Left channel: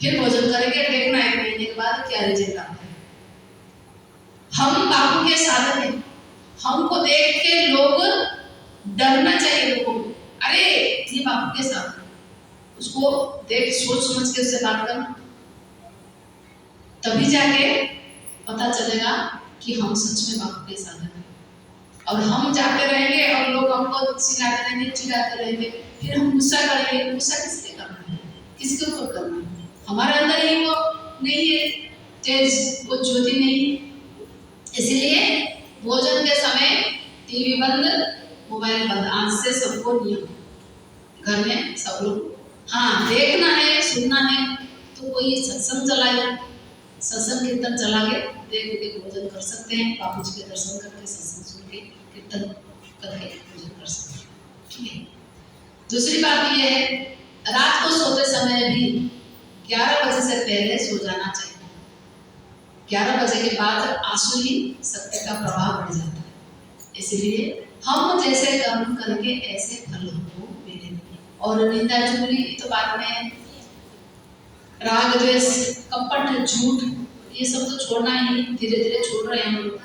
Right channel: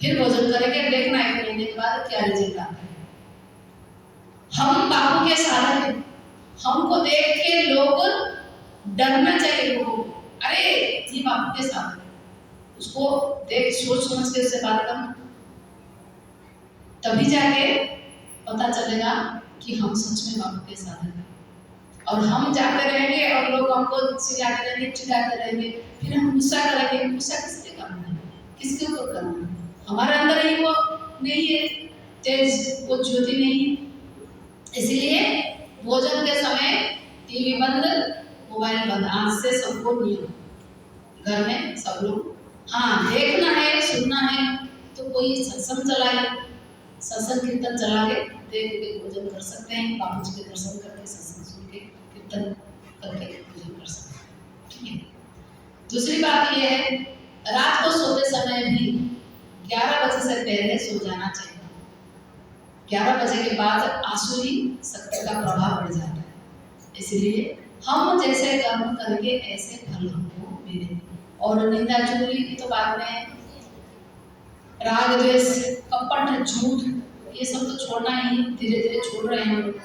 फिर भोजन करेंगे, देखना 1 महीने के बाद क्या रिजल्ट आता है। हम बापू के साधन हैं, हमको देख के लोग डरना चाहिए लोगों को, अरे ये बापू के साधन, उसको देख सोच समझ के उससे बात करना, तभी जाके पता चलेगा कि हम सच में बापू के साधन हैं। और हम जाते रहेंगे और लोग हमको चिल्लाते रहेंगे, चिढ़ाते रहेंगे, फिर हम गुस्सा करेंगे। गुस्सा किसके करना है, किसके ऊपर करना है? हमारे अंदर ही वो नहीं है तेज, वो ज्योति नहीं है। इसलिए भोजन के समय टीवी बंद, मोबाइल बंद, आज से सबको नियम घर में सब लोग, हाँ देखना है सुनना है तो कोई सत्संग चलाए, सत्संग कीर्तन चला के देख के भोजन कर सकते हैं, बापू जी के दर्शन करके सत्संग सुन के कीर्तन करके भोजन कर सकते हैं, ठीक है। दूसरी बात यह है, रात को सोते समय भी 11 बजे से पहले सो जाना चाहिए। 11 बजे के बाद आसुरी शक्ति का प्रभाव बढ़ जाता है, इसलिए हम जैसे कर्म करके ऐसे फल हमको मिले। और निंदा चुगली तो बाद में, राग द्वेष कपट झूठ ये सब तो छोड़ना ही, धीरे धीरे छोड़ रहे हैं हम लोग।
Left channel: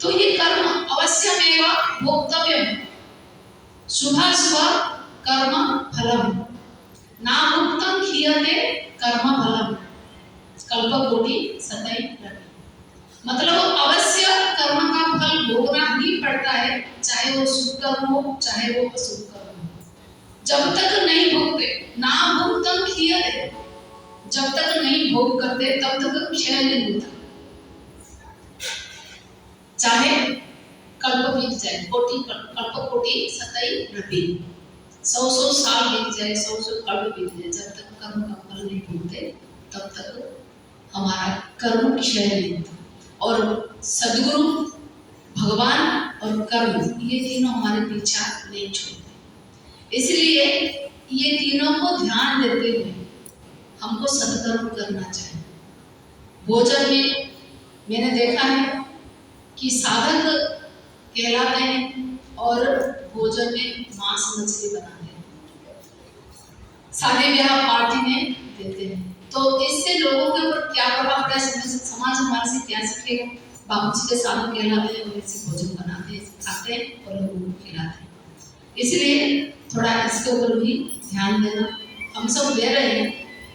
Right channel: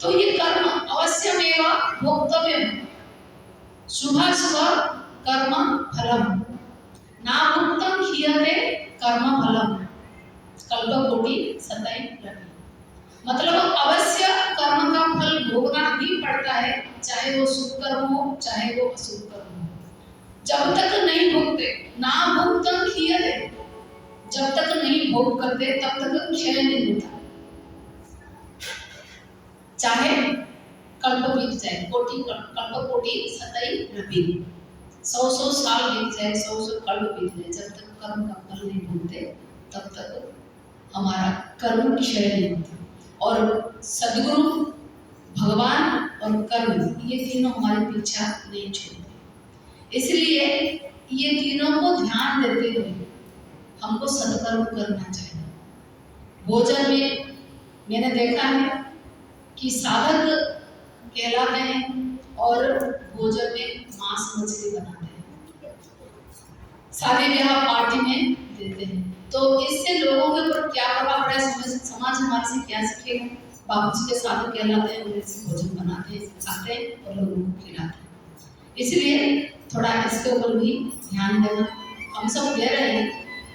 तो ये कर्म अवश्यमेव भोक्तव्यम, शुभाशुभ कर्म फलम ना मुक्तम खीयते कर्म फलम कल्पकोटि सतई रवि। मतलब अवश्य कर्म का फल भोगना ही पड़ता है, चाहे वो शुभ कर्म हो चाहे वो अशुभ कर्म हो। जब तक नहीं भोगते, ना भोक्तम खीयते, जब तक नहीं भोग करते तब तक क्षय नहीं होता। चाहे कल्प बीत जाए, कल्प कोटि सतई रवि, 100 साल बीत जाए, 100 कल्प बीत जाए, जब तक कर्म का फल नहीं भोगते तब तक हमारा कर्म क्षय नहीं होता। और सदगुरु, भगवान और कर्म ये तीनों हमारे पीछा नहीं छोड़ते, इसलिए ये तीनों को ध्यान देते हुए हमको सत्कर्म करना चाहिए। भोजन में मैंने देखा है कि साधक कहलाते हैं और भोजन में मांस मछली बनाते हैं, शादी ब्याह पार्टी में देते हैं, तो इससे लोगों के ऊपर क्या प्रभाव पड़ा है, समाज हमारे से क्या सीखेगा? बापू जी के साधु कहलाते हैं और ऐसे भोजन बनाते हैं, खाते हैं और लोगों को खिलाते हैं। इसलिए थोड़ा इसके ऊपर भी ध्यान देना, हम सब दे रहे हैं,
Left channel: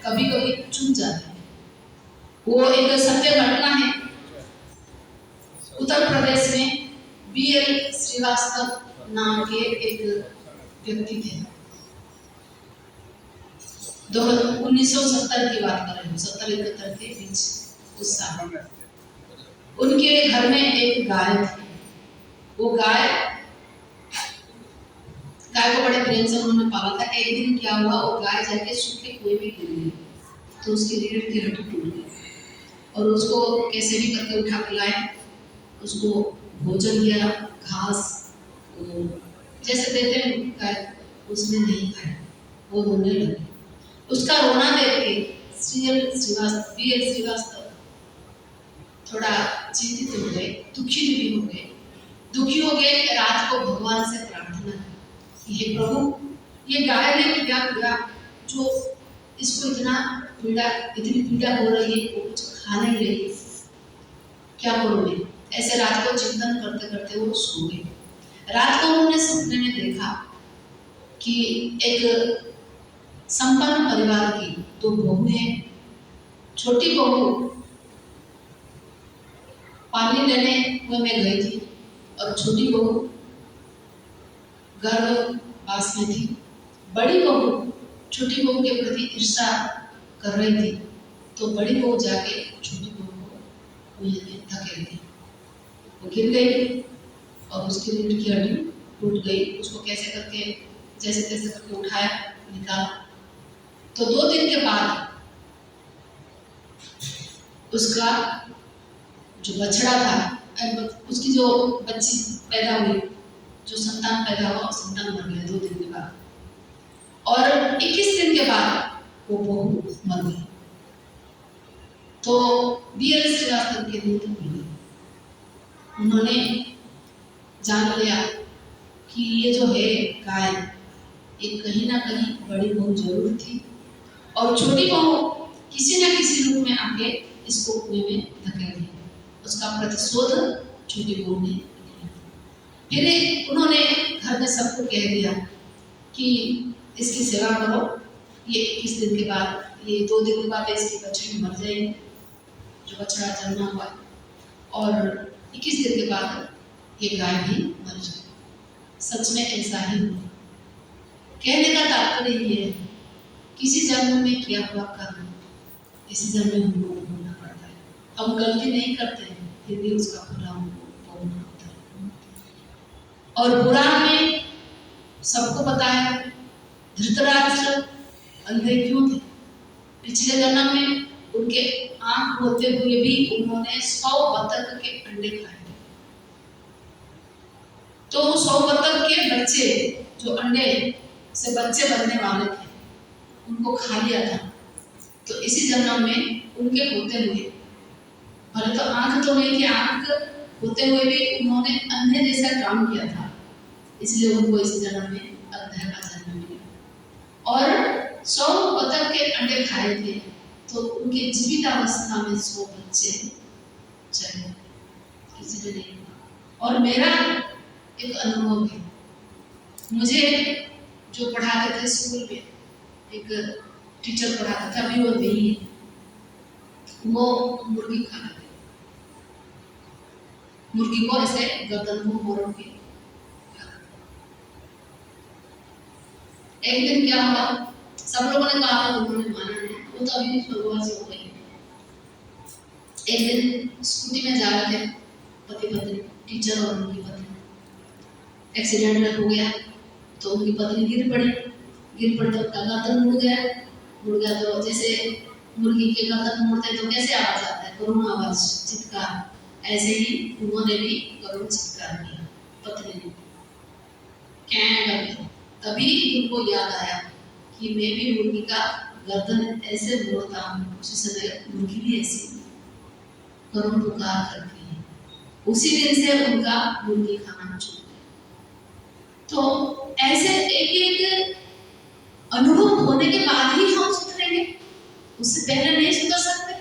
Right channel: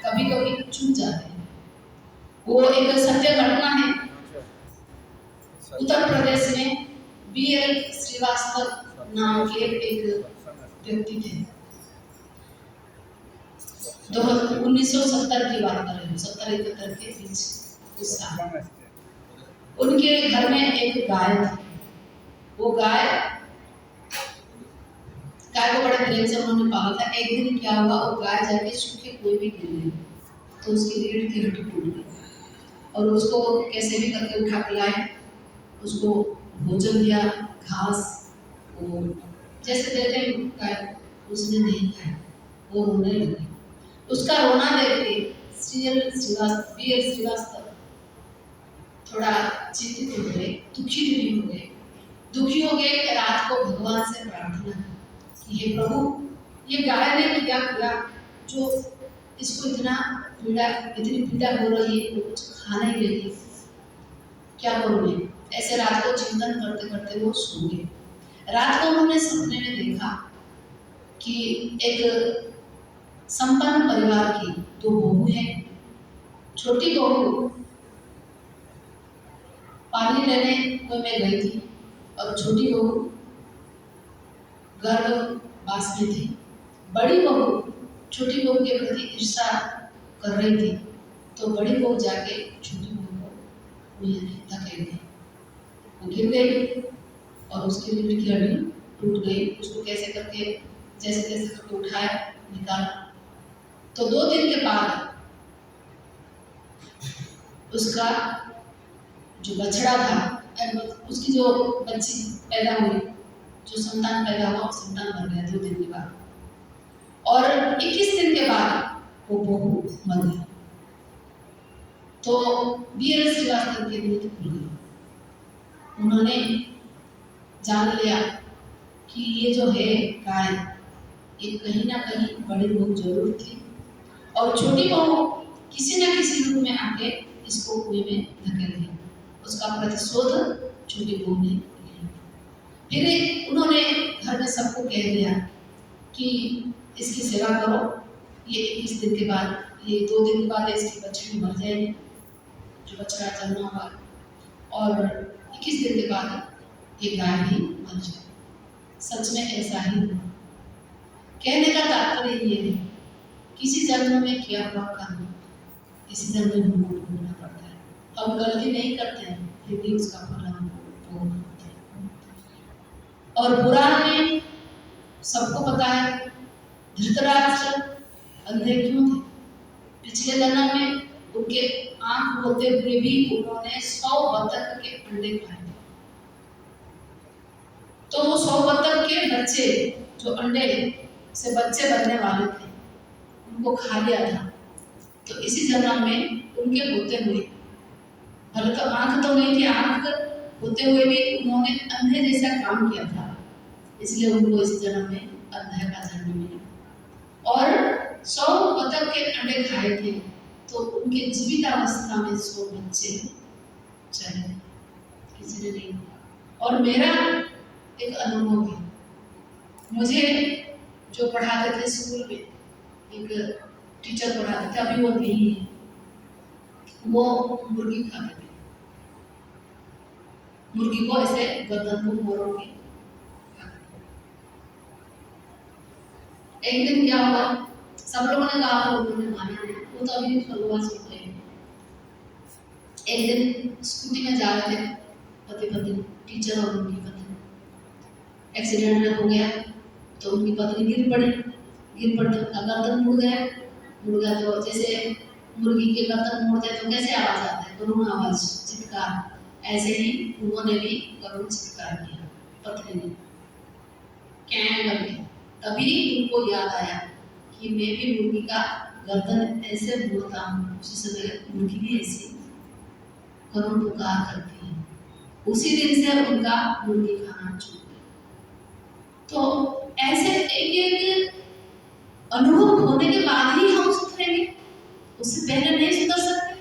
कभी कभी चूक जाते हैं। वो एक सत्य घटना है, उत्तर प्रदेश में BL श्रीवास्तव नाम के एक व्यक्ति थे, 1970 की बात कर रही हूँ, 70-71 के बीच उस साल। उनके घर में एक गाय थी, वो गाय को बड़े प्रेम से उन्होंने पाला था। एक दिन क्या हुआ, वो गाय जाके सूखे कुएं में गिर गई, तो उसकी रीढ़ की हड्डी टूट गई और उसको कैसे भी करके उठा के लाए, उसको भोजन दिया, घास वो जैसे देते हैं गाय, उसने नहीं खाया, वो रोने लगी। उसका रोना देख के BL श्रीवास्तव थोड़ा चिंतित हो गए, दुखी भी हो गए। दुखी हो गए कि रात को भगवान से प्रार्थना कि हे प्रभु, ये गाय ने क्या किया जो इसको इतनी पीड़ा हो रही है, वो कुछ खा नहीं रही है, क्या करूं मैं? ऐसे रात को चिंतन करते करते वो सो गए। रात को उन्होंने सपने में देखा कि एक संपन्न परिवार की 2 बहू हैं। छोटी बहू पानी लेने कुएं में गई थी और छोटी बहू गर्भवास में थी। बड़ी बहू छोटी बहू के प्रति ईर्ष्या कर रही थी, तो बड़ी बहू जाके छोटी बहू को कुएं में धकेल दी, वो गिर गई और उसकी रीढ़ की हड्डी टूट गई। उसको कैसे करके जैसे तैसे करके उठाया, निकाला, तो 2 दिन के बाद उसका जो बछड़ा था, उसकी जो बच्ची पैदा हुई, जो संतान पैदा हुआ, संतान मर गया 2 दिन के बाद, और 21 दिन के बाद वो बहू मर गई। तो BL श्रीवास्तव के नींद खुल गई, उन्होंने जान लिया कि ये जो है गाय, ये कहीं ना कहीं बड़ी बहू जरूर थी, और छोटी बहू किसी न किसी रूप में आके इसको कुएं में धकेल दिया। उसका प्रतिशोध छोटी बहू ने लिया। फिर उन्होंने घर में सबको कह दिया कि इसकी सेवा करो, ये 21 दिन के बाद, ये 2 दिन के बाद इसकी बछड़ी मर जाएगी, जो बछड़ा जन्मा हुआ, और 21 दिन के बाद ये गाय भी मर जाएगी। सच में ऐसा ही हुआ। कहने का तात्पर्य ये है, किसी जन्म में किया हुआ कर्म इसी जन्म में हमको भोगना पड़ता है। हम गलती नहीं करते हैं, फिर भी उसका फल हमको भोगना पड़ता है। और पुराण में सबको पता है, धृतराष्ट्र अंधे क्यों थे? पिछले जन्म में उनके आंख होते हुए भी उन्होंने 100 बतख के अंडे खाए। तो वो 100 बतख के बच्चे, जो अंडे से बच्चे बनने वाले थे, उनको खा लिया था। तो इसी जन्म में उनके होते हुए, भले तो आंख तो नहीं थी, आंख होते हुए भी उन्होंने अंधे जैसा काम किया था, इसलिए उनको इस जन्म में अंधे का जन्म मिला। और 100 बतख के अंडे खाए थे, तो उनके जीवितावस्था में 100 बच्चे चले, किसी ने नहीं। और मेरा एक अनुभव है, मुझे जो पढ़ाते थे स्कूल में, एक टीचर पढ़ाते थे, अभी वो नहीं है, वो मुर्गी खाते थे। मुर्गी को ऐसे गर्दन को मोड़ के खाते थे। एक दिन क्या हुआ, सब लोगों ने कहा था, उन्होंने माना नहीं, वो तो अभी स्वर्गवासी हो गए। एक दिन स्कूटी में जा रहे थे पति पत्नी, टीचर और उनकी पत्नी। एक्सीडेंट हो गया, तो उनकी पत्नी गिर पड़ी तो उनका गर्दन मुड़ गया। तो जैसे मुर्गी के गर्दन मुड़ते तो कैसे आवाज आता है, करुण आवाज, चित्कार, ऐसे ही उन्होंने भी करुण चित्कार किया, पत्नी ने क्या लगे। तभी उनको याद आया कि मैं भी मुर्गी का गर्दन ऐसे मोड़ता हूँ, उसी समय मुर्गी भी ऐसी करुण पुकार करती है। उसी दिन से उनका मुर्गी खाना छूट गया। तो ऐसे एक अनुभव होने के बाद ही हम सुधरेंगे, उससे पहले नहीं सुधर सकते।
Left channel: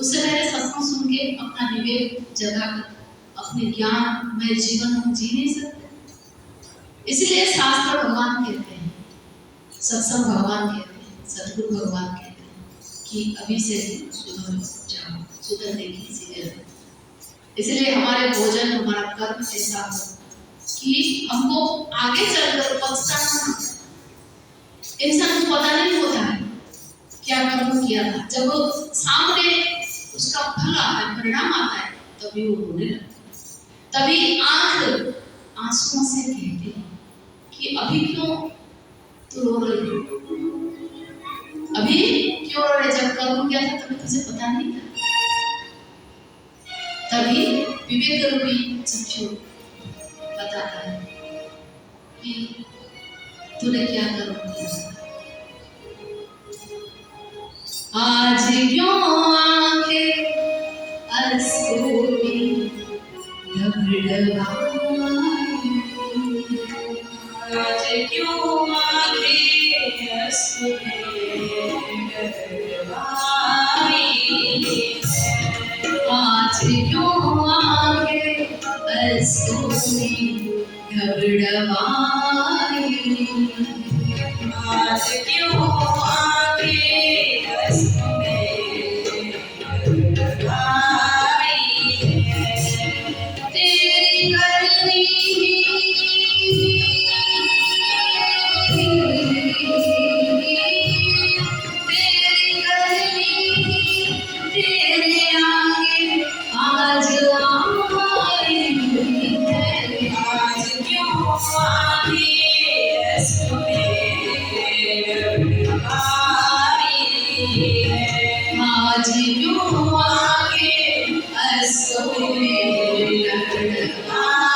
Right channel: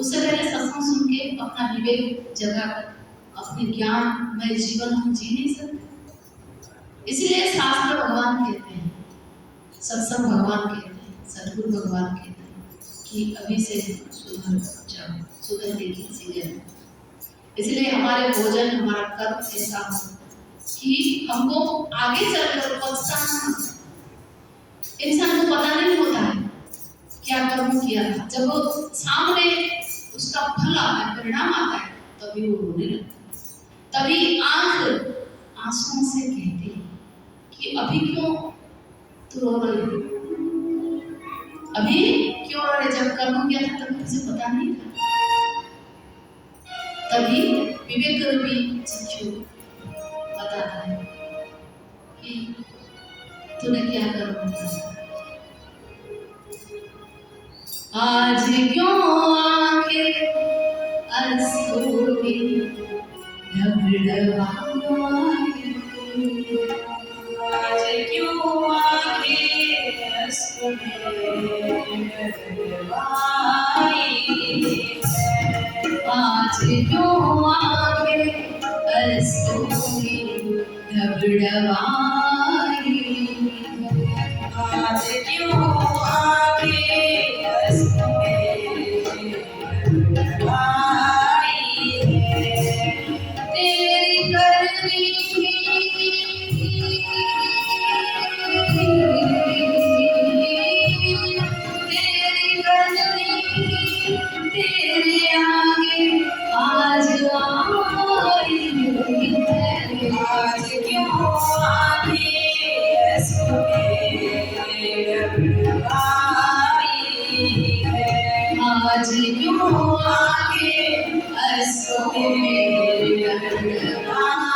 उससे पहले सत्संग सुन के अपना विवेक जगा कर अपने ज्ञानमय जीवन हम जी नहीं सकते। इसलिए शास्त्र भगवान कहते हैं, सत्संग भगवान कहते हैं, सद्गुरु भगवान कहते हैं कि अभी से सुधर जाओ, सुधरने की सीढ़ी। इसलिए हमारे भोजन, हमारा कर्म ऐसा हो कि हमको आगे चलकर पछताना। इंसान को पता नहीं होता है क्या कर्म किया था, जब सामने उसका फल आता है, परिणाम आता है, तभी वो रोने लगता है। तभी आंख आंसुओं से कहती है कि अभी क्यों तू रो रही है, अभी क्यों रो रही? जब कर्म किया था तभी तुझे पता नहीं था। तभी विवेक रूपी चक्षु बताता है कि तूने क्या कर्म किया। आज क्यों आंखें अश्रु में ढबढबाई, आज क्यों आंखें अश्रु में ढबढबाई, आज क्यों आंखें अश्रु में ढबढबाई, आज क्यों आंखें अश्रु में ढबढबाई, तेरी करनी तेरे आगे आज आई है, आज क्यों आंखें अश्रु में ढबढबाई है, आज क्यों आंखें अश्रु में ढबढबाई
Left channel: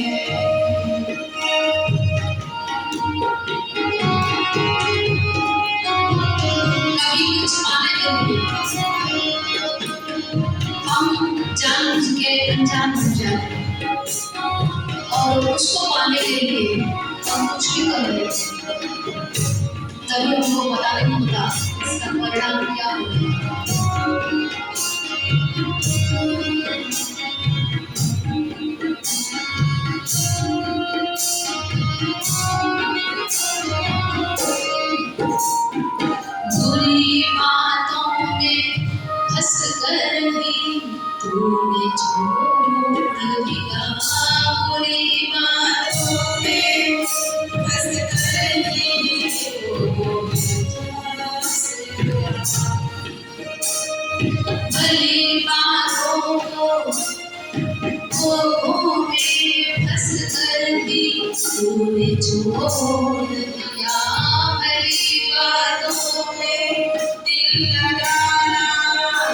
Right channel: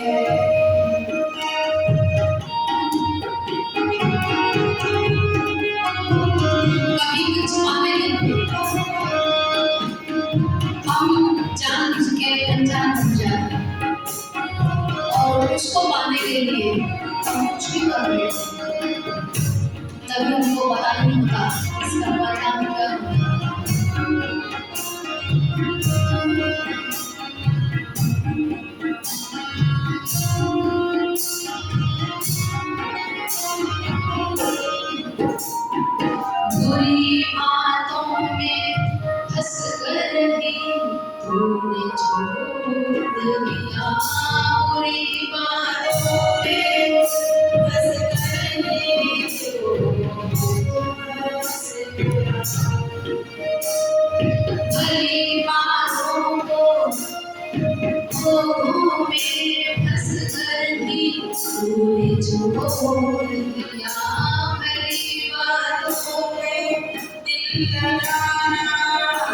है। कभी कुछ पाने के लिए हम जानबूझ के अनजान हो जाते हैं, और उसको पाने के लिए हम कुछ भी कर लेते हैं। तभी हमको पता नहीं होता इसका परिणाम क्या होगा? बुरी बातों में फंस कर ही तूने छोड़ दिया। बुरी बातों में फंस कर ही भली बातों को में फंस कर ही तूने छोड़ दिया। भली बातों में दिल लगाना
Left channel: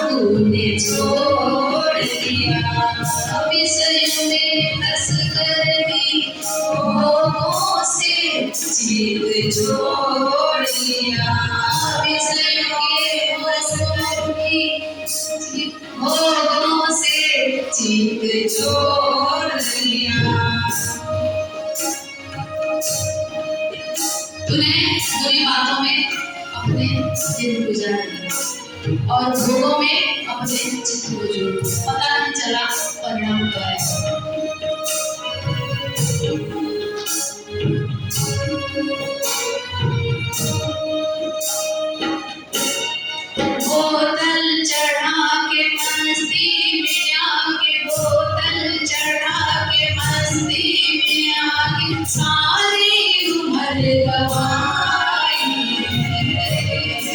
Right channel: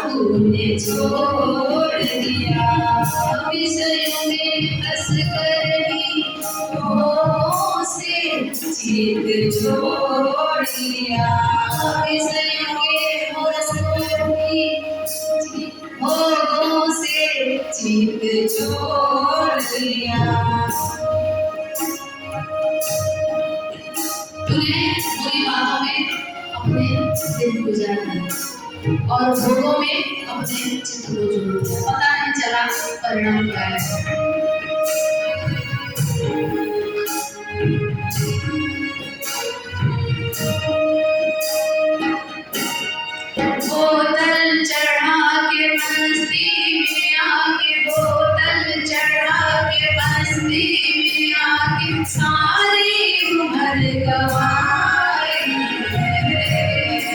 तूने छोड़ दिया। विषयों में फंस कर ही मोह से जीत छोड़ दिया। विषयों के फंस कर ही मोह से जीत छोड़ दिया। तूने बुरी बातों में अपने दिन गुजार दिए और भोगों में अपने चित्त को जोड़ दिया। पता नहीं चला परिणाम क्या है। बोतल चढ़ा के मस्ती में आके, बोतल चढ़ा के मस्ती में आके सारी उम्र गवाई है।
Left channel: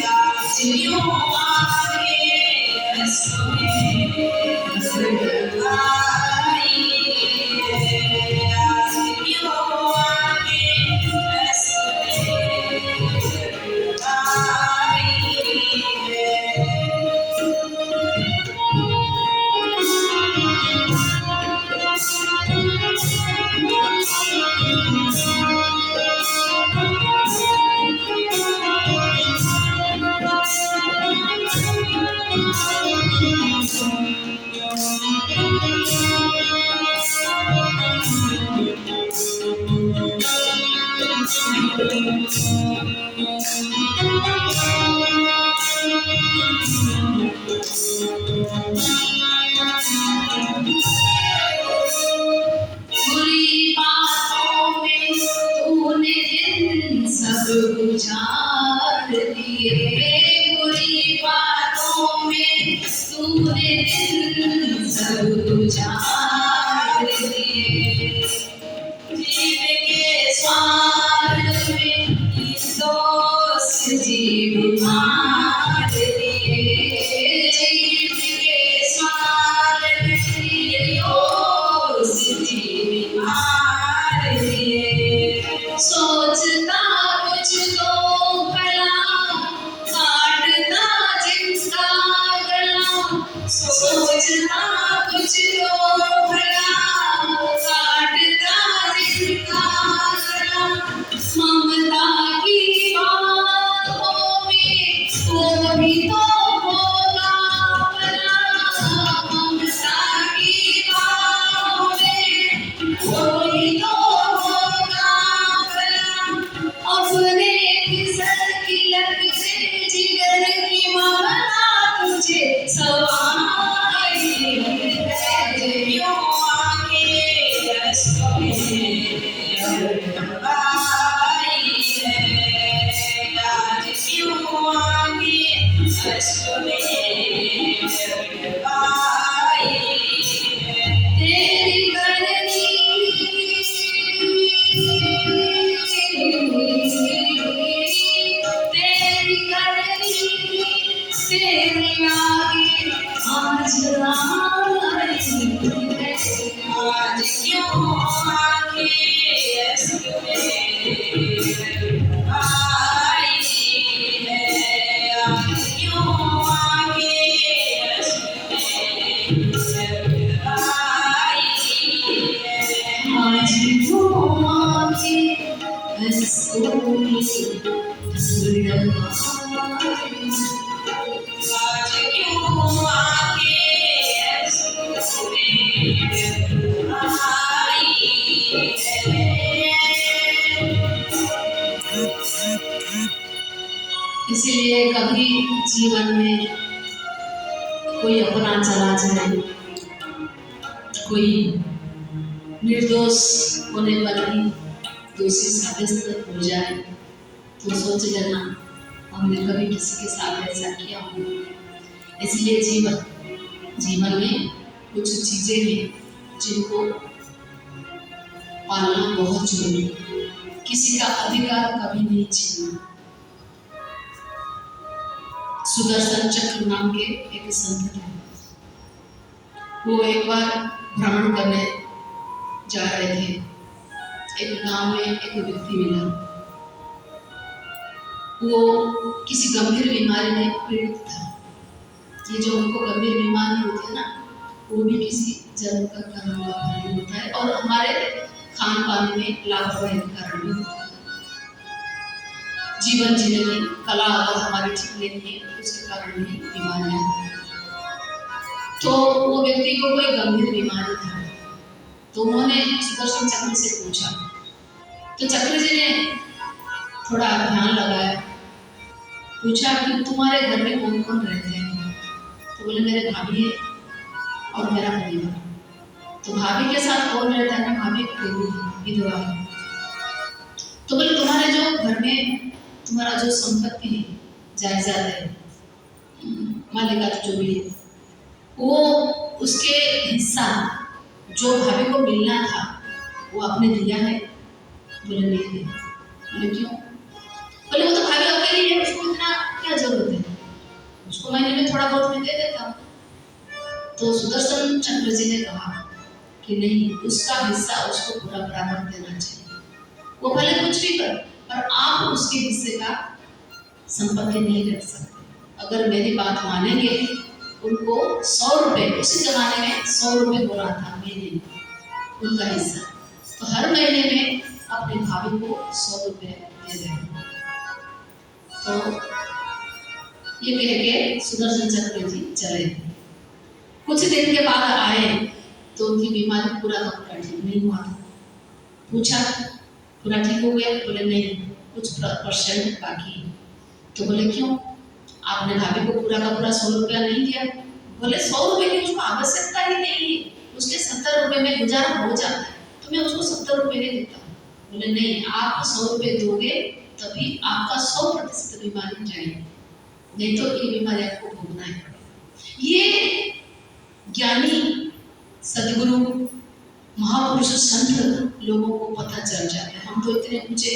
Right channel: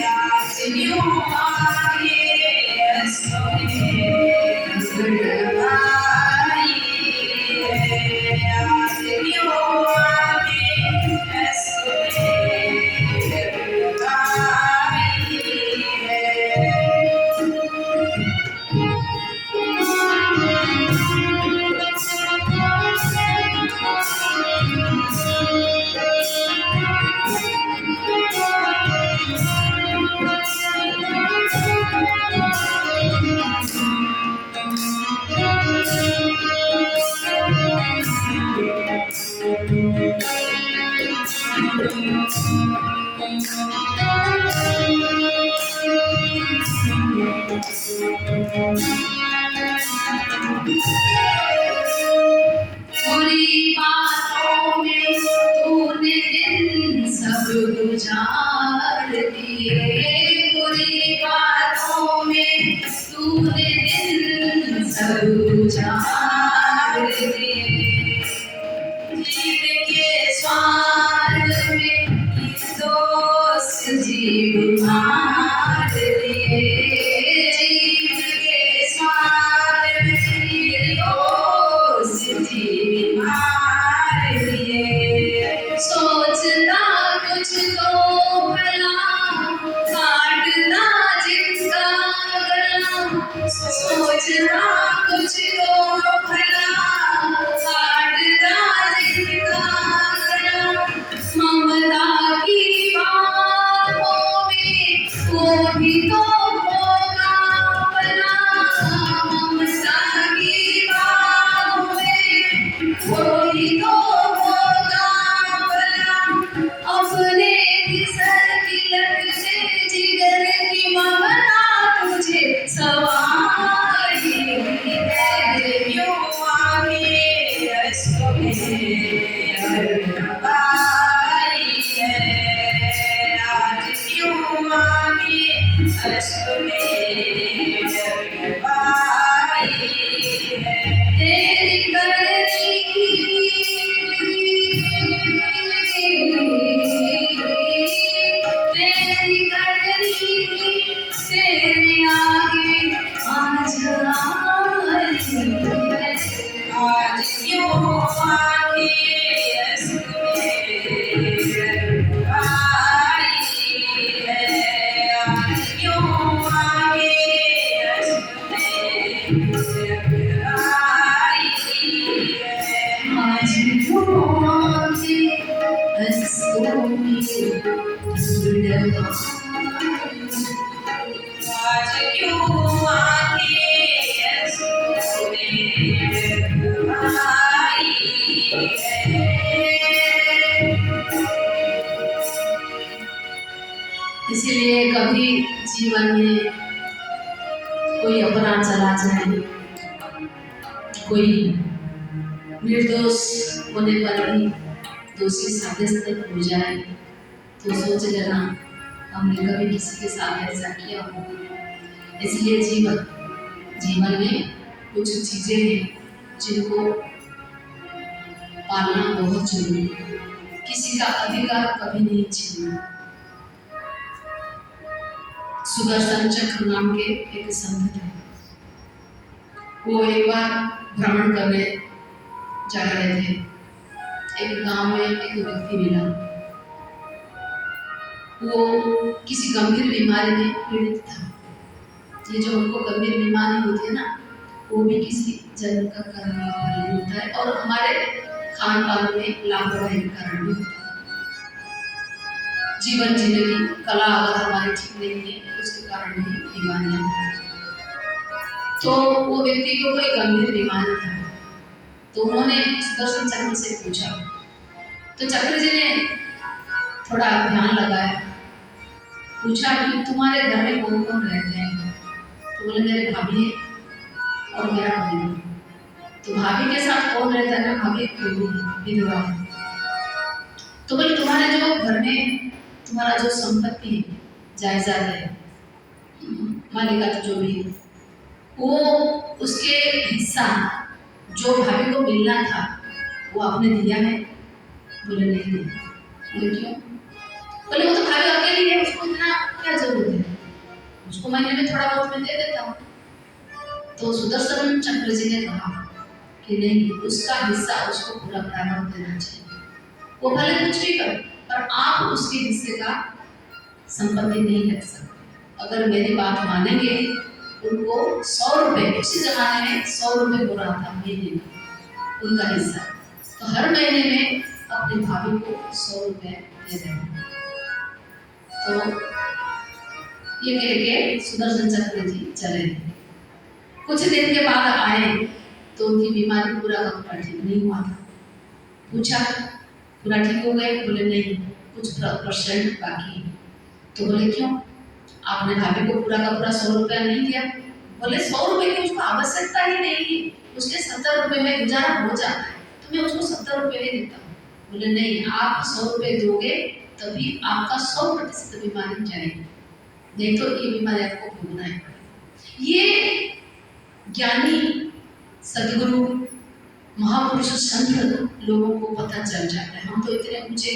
आज यूं आके सोने गड़बड़ाई है। आज यूं आके सोने गड़बड़ाई है। बुरी बातों में तूने दिन सब गुजार दिए। बुरी बातों में तूने दिन सब गुजार दिए। जीव के स्वार्थ में दोस्त जीव मार दिए। जीव के स्वार्थ में दोस्त जीव मार दिए। सोचता कुछ तो भला काटता जिसका गला। सोचता कुछ तो भला काटता जिसका गला। ममता की बातों में वो भी तो होगा भला। ममता की बातों में वो भी तो होगा भला। अपने किसर की लत से जिगर की ममता तुझे सवारी है। यूं आके सोने गड़बड़ाई है। आज यूं आके सोने गड़बड़ाई है। तेरी करनी तेरी करनी तेरे आगे आज आई है। आज क्यों आके आई है। आज क्यों आके आई है। आज क्यों आके आज क्यों आके सोने आई है। इसीलिए कभी जीवन में कोई अपना चला जाए, कोई निर्दोष होने पर भी दोषी साबित हो जाए, तो सोच लेना हमने कभी किसी के साथ ऐसा किया हो। इसलिए जीवन में कुछ चीजें हैं जिनको पालना बहुत जरूरी है। किसी का अधिकार कभी नहीं छीनना। सुदर्शन चक्र नाम के एक संत थे। वो एक बार भ्रमण करने जा रहे थे। एक गांव में एक व्यक्ति मिला। वो किसी गंभीर बीमारी में पीड़ित था। ये जो उनको गंभीर बीमारी होती है ना, वो भी किसी जन्म का कर्म का फल होता है और हमारे खान पान में लापरवाही के कारण भी होता है। जीवन जीने की कला अगर हमारी ठीक नहीं है, उसके कारण भी बीमारियां। तो वो व्यक्ति को कोई गंभीर बीमारी था, तो उन्होंने सुदर्शन चक्र से पूछा। तो चक्र जी ने थोड़ा ध्यान लगाया, पूछा कि तुम्हारे घर में कौन कौन रहते हैं? तो बोले मेरे भाभी है और मेरा परिवार। तो भाभी के साथ कौन रहता है? ना भाभी विधवा है। तो बोले तुम्हारे जो घर में तुम्हारा जो संपत्ति है, जायदाद है, मालिकात जो भी है, वो उसके हिस्सा जो भाभी को मिलना था वो आपने दिया है? बोले नहीं दिया। बोले क्यों? बोले वो तो भाभी अकेली है, उसको इतना क्या जरूरत है, उसको महीने में थोड़ा बहुत मैं दे देता हूँ। तो सुदर्शन चक्र जी ने कहा कि नहीं, उसका हिस्सा उसको पूरा बराबर देना चाहिए। वो भले कुछ भी करे, पर आप उसके हिस्से का संपत्ति नहीं रख सकते। अगर मेरी बात मानेंगे, उनको 100 रुपए, उसी जमाने में 100 रुपए हो रहा था महीने में उनका हिस्सा, तो हर महीने में अपने भाभी को 100 रुपए दे देना। तो ये कह के सुदर्शन चक्र जी चले। कुछ दिन के बाद आए तो उनकी बीमारी पूरा का पूरा ठीक नहीं हुआ था। पूछा पूरा ठीक हो गया? बोले नहीं, कुछ % बाकी है। तो बोले क्यों? आपने भाभी को पूरा का पूरा 100 रुपया नहीं दिया। बोले 100 रुपए की उसको आवश्यकता ही नहीं है, उसके 70 रुपए में गुजारा हो जाता है, तो मैं उसको 70 रुपए नहीं देता हूँ। बोले नहीं, आप 100 रुपए दोगे तभी आपका 100% बीमारी जाएगी, नहीं तो ये बीमारी आपको भोगना है। ये ज्ञानी सदगुरु महापुरुष संत लोगों को पता चल जाता है। हम तो इतने ऊंचे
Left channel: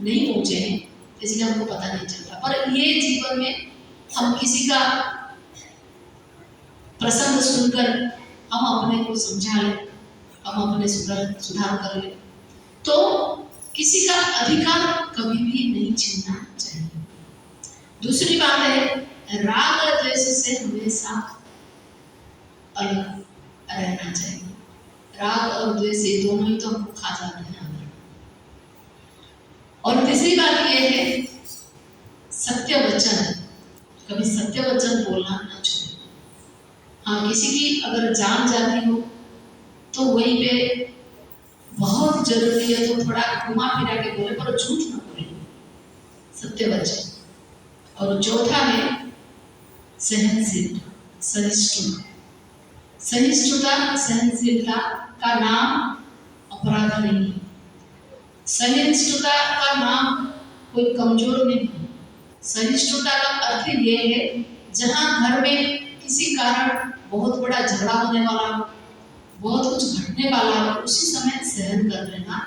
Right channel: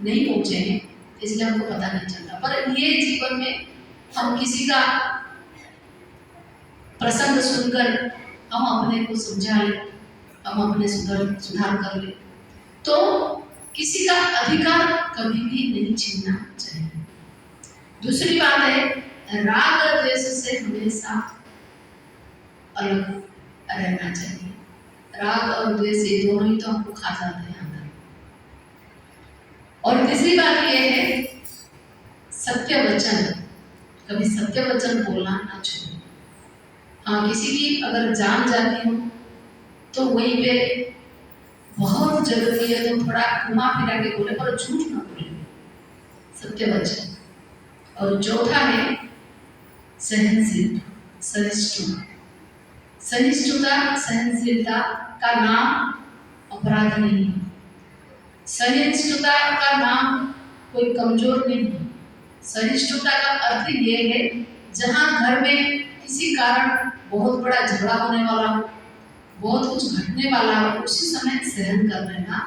नहीं पहुंचे हैं, इसलिए हमको पता नहीं चलता। पर ये जीवन में हम किसी का प्रसंग सुनकर हम अपने को समझा ले, हम अपने सुधार कर ले, तो किसी का अधिकार कभी भी नहीं छीनना चाहिए। दूसरी बात है, राग और द्वेष से हमेशा अलग रहना चाहिए। राग और द्वेष ये दोनों ही तो हमको खा जाते हैं अंदर। और तीसरी बात ये है, सत्य वचन, कभी सत्य वचन बोलना ना छोड़े। हाँ, किसी की अगर जान जाती हो तो वहीं पे बहुत जरूरी है तो थोड़ा घुमा फिरा के बोले, पर झूठ ना बोले, सत्य वचन। और चौथा है सहनशीलता, सहिष्णुता। सहिष्णुता, सहनशीलता का नाम अपराध नहीं है। सहिष्णुता का नाम कोई कमजोर नहीं है। सहिष्णुता का अर्थ ये है, जहां घर में किसी कारण बहुत बड़ा झगड़ा होने वाला हो, बहुत कुछ घटने वाला हो, उसी समय सहन कर लेना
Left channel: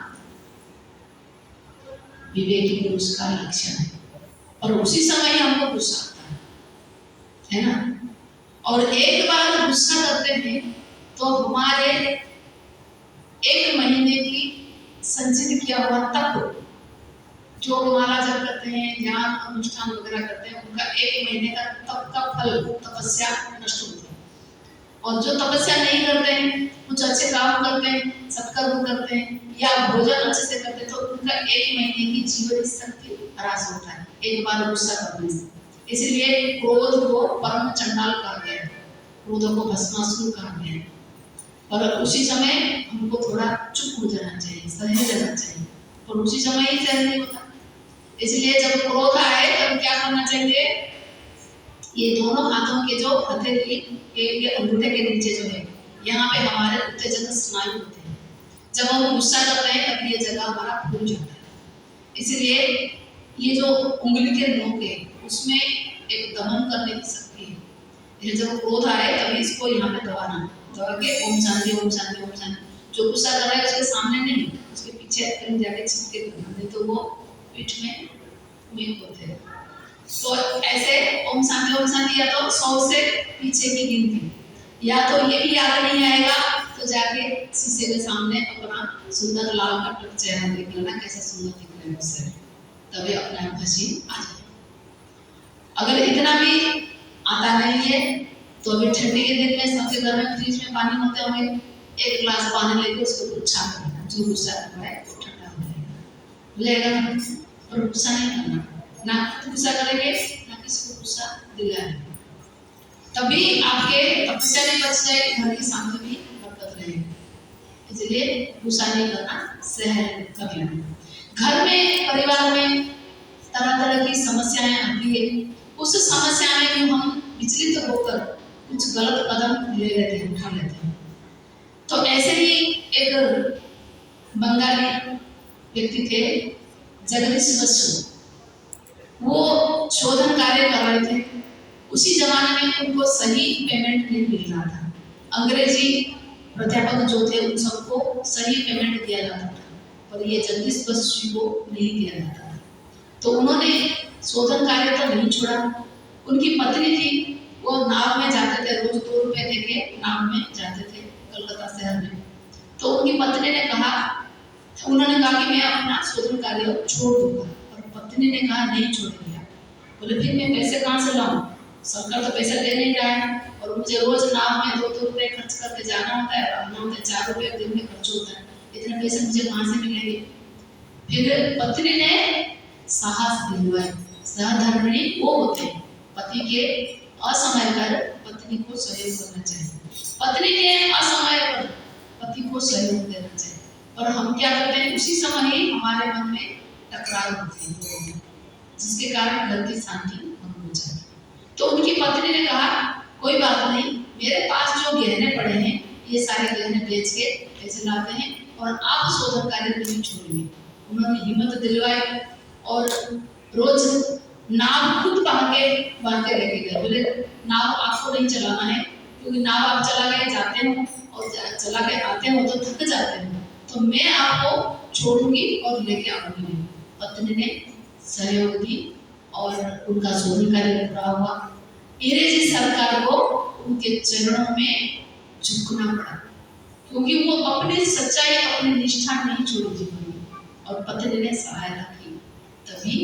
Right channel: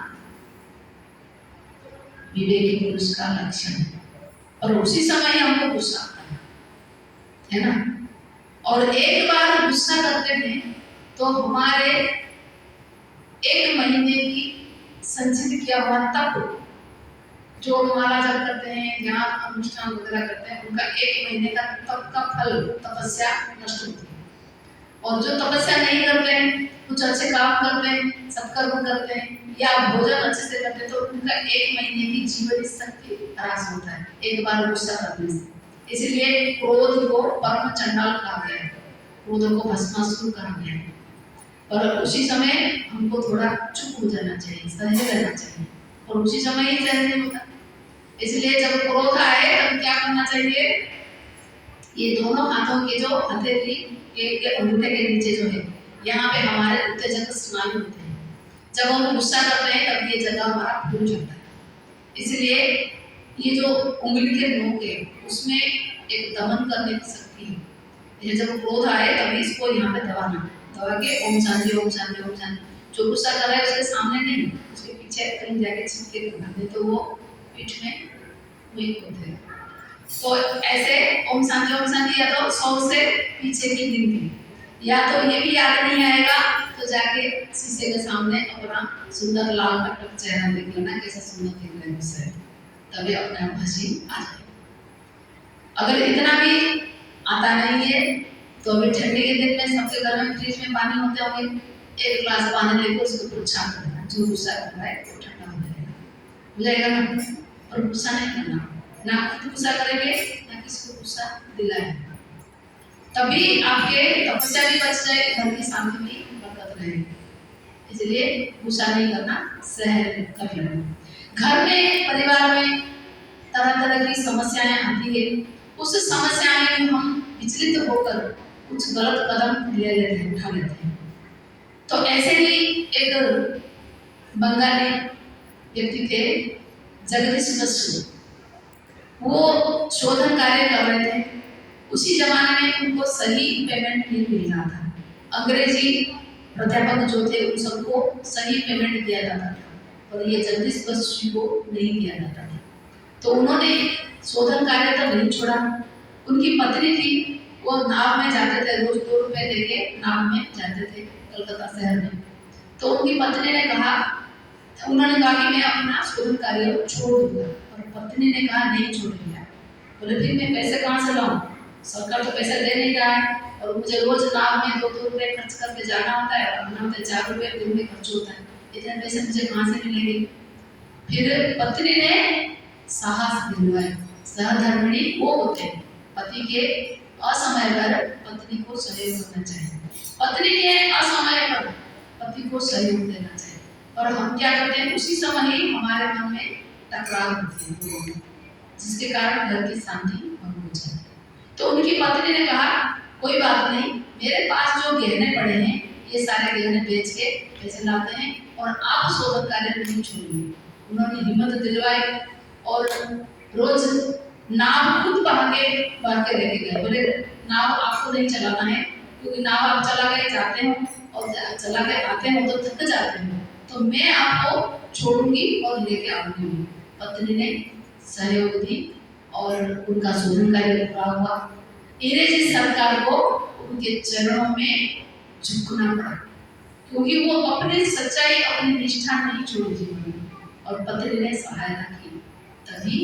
विवेकी पुरुष का लक्षण है। और उसी समय ही हमको गुस्सा आता है ना। और एक बार गुस्सा करते हैं तो हमारे 1 महीने की संचित किया हुआ तप, जो माला जब करते हैं, ध्यान अनुष्ठान वगैरह करते हैं, उनका 1 महीने का तप का फल, तपस्या नष्ट होती है। और जो तपस्या नहीं करते हैं, कुछ अच्छे काम करते हैं, सत्कर्म करते हैं या भोजन अच्छे से करते हैं, तो उनका 1 महीने की जीवन शक्ति ह्रास होता है एक बार गुस्सा करने से। इसलिए क्रोध को परम चंडाल कहा गया है, क्रोध को भस्मासुर कहा गया है। और उसी समय हमको थोड़ा चुप हो जाना चाहिए, सहे रहना चाहिए, और उसी समय ही सहन नहीं होता। इसलिए जब क्रोध आए तब क्या करेंगे, ये दोनों हाथों के जो हथेली के ये अंगूठे के नीचे जो है, यहाँ पे हमारे उत्तेजक स्नायु होते हैं। जब हम गुस्सा करते हैं तब ये जगह हमारा फूल जाता है। इसलिए ये जो उंगली के नोक है उसमें एक दमन करने की शक्ति है। ये जब क्रोध आए तभी इसको यहाँ पे दबाना, दबा के ओम शांति ओम शांति ओम शांति। जो गुस्सा कर रहा है उसके सामने नहीं, उसके पीछे कहीं जाके छिपके करना, नहीं तो वो पीठ में वीक होते हैं। तो ऐसे ओम शांति या तो 100 से पीछे की गिनती, या तो ये भी याद नहीं आएगा तो जाके शीशे के सामने अपना सुंदर लाल कटक चेहरा देख लेना, कैसा सुंदर दिख रहा है उससे, तभी अपने आप हंसी आ जाए। अगर इतना भी आता नहीं है तो अभी ठंडी के दिन में सबके घर में फ्रिज में पानी होते होंगे, एक गिलास पानी लेकर उसके ऊपर छाप देना, जो गुस्सा कर रहा है वो ठंडा हो जाएगा ना। और गुस्सा नहीं करना, ना खुद गुस्सा करेंगे ना किसी को गुस्सा दिलाएंगे, तभी आपके तपस्या भी बच जाए, घर की शांति भी बरकत रहेगी। इसलिए गुस्सा नहीं करना, सहन कर लेना। घर में परिवार में तरह तरह की समस्याएं आती है, उस समस्या में हम विचलित होकर कुछ गलत कदम ले लेते हैं, उठा लेते हैं। तो ऐसे ही एक बंगाली व्यक्ति थे जगदीश बसु, वो शोधन कार्य कर रहे थे। उसी जमाने में उनको सही पेमेंट नहीं मिल रहा था, अंग्रेजी प्राध्यापक जो थे उन सबको सही पेमेंट दिया जाता था, पर ये जगदीश बसु को नहीं दिया जाता था। तो उन्होंने शोधन कार्य तो नहीं छोड़ा। उनकी पत्नी थी, वो नाव में जाते थे, रोज 2 रुपए देके नाव में जाते थे कलकत्ता शहर में। तो उनकी पत्नी ने कहा, उन्होंने कहा कि मैं अपना शोधन कार्य छोड़ दूंगा, और पत्नी ने कहा नहीं छोड़ेंगे। बोले फिर मैं पैसे कहाँ से लाऊं, सरकार तो पैसा दे नहीं रहा है, और मुझे रोज नाव में 2-2 रुपए खर्च करके जाना होता है, और नाव में 4 रुपए दिन में खर्च होता है, इतने पैसे मुझे कहाँ से मिलेंगे। फिर पत्नी ने साहस दिलवाया। सहधर्मिणी वो होते हैं, पति के असमय पर पत्नी को सहयोग करना चाहिए, पत्नी के असमय पर पति को सहयोग देना चाहिए। और हम क्या करते हैं, उसी समय ही हमारे मन में टकराव होती है, जिसके कारण घर की शांति भंग हो जाती है। तो उनकी पत्नी ने कहा कोई बात नहीं, मेरे पास जो गहने पड़े हैं ये सारे गहने बेच के पैसे लाते हैं, और आप शोधन कार्य नहीं छोड़िए। उन्होंने हिम्मत दिलवाई और रोज नाव खुद बढ़ के लेके गए। बोले नाव आपको नहीं चलाना है, क्योंकि नाव आप चला के जाते हो और चला के आते हो तो थक जाते हो, तो मैं आपको छोड़ूंगी और लेके आऊंगी। पत्नी ने सहयोग दी और उनका शोधन कार्य पूरा हुआ। अंग्रेजी सरकार को उनके चरणों में झुकना पड़ा, क्योंकि वो अपनी सच्चाई अपनी निष्ठा नहीं छोड़ी जीवन में, और पत्नी ने सहायता की, तभी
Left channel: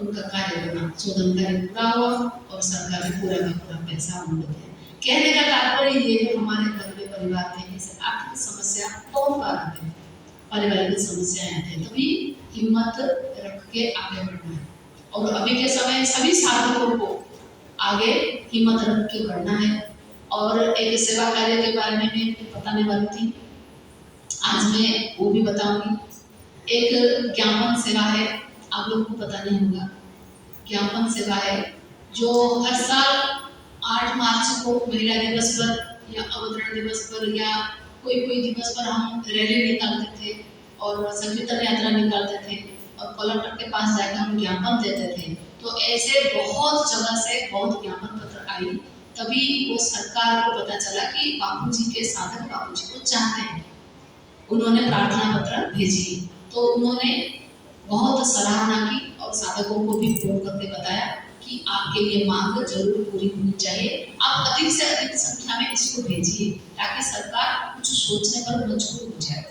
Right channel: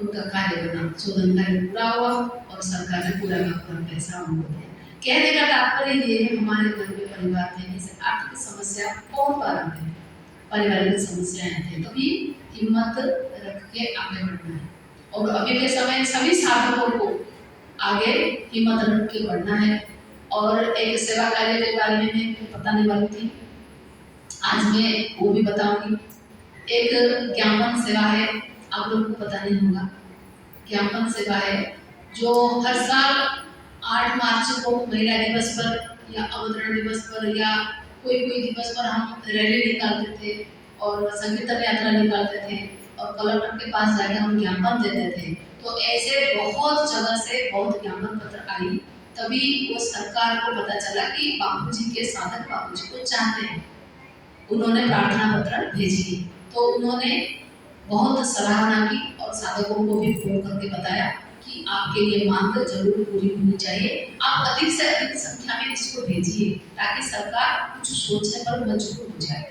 उनका कार्य बना, शोधन कार्य पूरा हुआ और सरकार ने पूरा का पूरा पैसा उनको दिया। कहने का तात्पर्य ये है, हमारे घर में परिवार में जैसे आर्थिक समस्या बहुत बार आते हैं, पारिवारिक समस्याएं आती हैं, तभी हिम्मत रख के आगे बढ़ना है। और अभी के समय सभी साधकों को आगे हिम्मत रख के बढ़ना है। और एक सेवा कार्य के बारे में मैं बताने वाली थी, आज मैं वो भी बताऊंगी। एक ज्ञापन सेवा है, आप लोगों को पता नहीं होगा, ज्ञापन सेवा है जो हर साल 8 मार्च को महिला दिवस पर या अवतरण दिवस पर या कोई दिवस पर हम रैली निकालते थे और संकीर्तन यात्रा निकालते थे और कलेक्टर के पास जाकर हम ज्ञापन देते थे। तो ऐसे बहुत जगह से बहुत ज्ञापन पत्र आई, तभी वो सरकार को पता चला कि बापूजी के साधक बापूजी को चाहते हैं। उन्होंने प्रार्थना पत्र भेजी, तो उन्होंने बहुत सराहना की और साधकों को भी फोन करके बताया कि आपके लिए मांग जरूर पूरी होनी चाहिए, आप अधिक से अधिक संख्या में इसको भेजिए ताकि सरकार कुछ सोचने पर मजबूर हो जाए।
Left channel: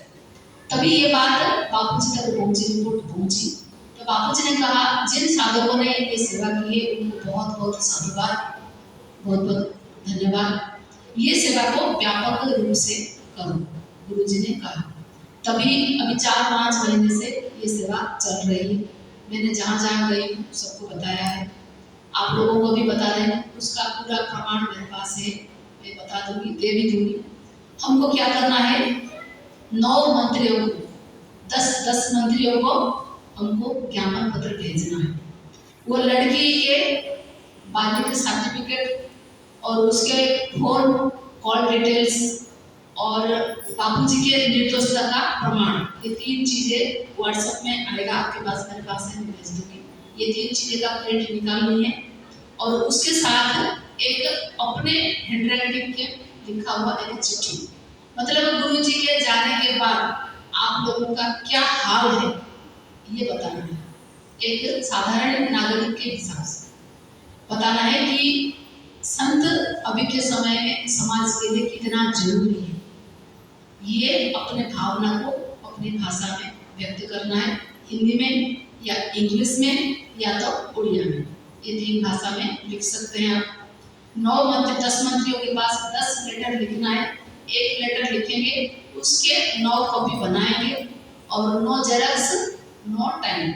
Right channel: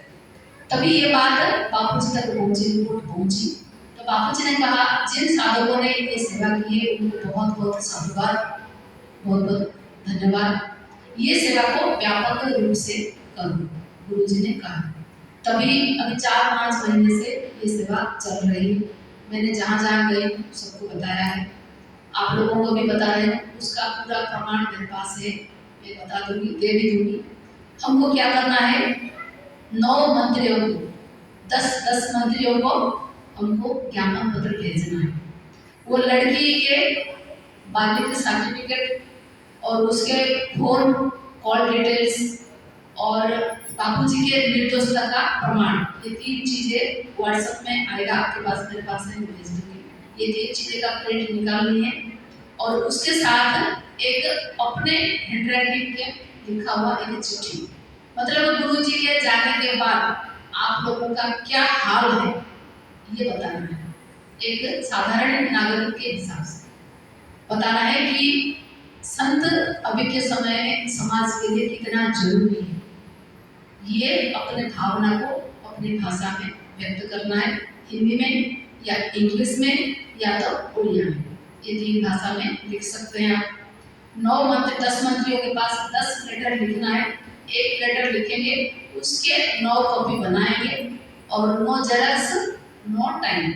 तभी ये बात बापूजी तक पहुंची, रिपोर्ट पहुंची। तो बापूजी ने कहा जिन साधकों ने ये सेवा की है उनको बहुत बहुत साधुवाद, बहुत बहुत धन्यवाद। ये सेवा को व्यापक रूप से करो, गुरुजी ने कहा। तभी अभी 4-5 महीने से ये सेवा चल रही है। मैंने जहाँ जहाँ गई सबको बताया है, आप लोगों को भी बता रहे हैं, उसका पूरा प्रमाण मेरे पास है, मैं बता दूंगी, दे भी दूंगी। हमको क्या करना है, 9 मंत्रियों को 10 मंत्रियों को हमको ज्ञापन पत्र भेजना है। वो लड़की के बाल्य सर्टिफिकेट और उसके फोन कॉल डिटेल्स और बापूजी के निर्दोषता का प्रमाण, ये 3 चीजें व्हाट्सएप में आएगा आपके पास, मेरे पास है, मैं भेज दूंगी। ये 3 चीजें का प्रिंट निकालनी है और उसके साथ एक अपने हैंडराइटिंग के लिखा हुआ एक चिट्ठी, मतलब गुरुजी के जाने के बाद आप लोगों का क्या हाल है ये बताना है। एक साधारण नागरिक के हिसाब से बताना है कि संत अभी के समय में समाज के लिए कितना जरूरी है। ये अपने भावना को अपनी भाषा में व्यक्त करना है, हिंदी में या इंग्लिश में या तो उड़िया में, ये 3 भाषा में लिख सकते हैं आप। 10 मंत्रियों के पास 10 लेटर लिखना है, 1 लेटर लिखेंगे, उसके 9 कॉपी बनाएंगे और नो जेरॉक्स नो टाइम,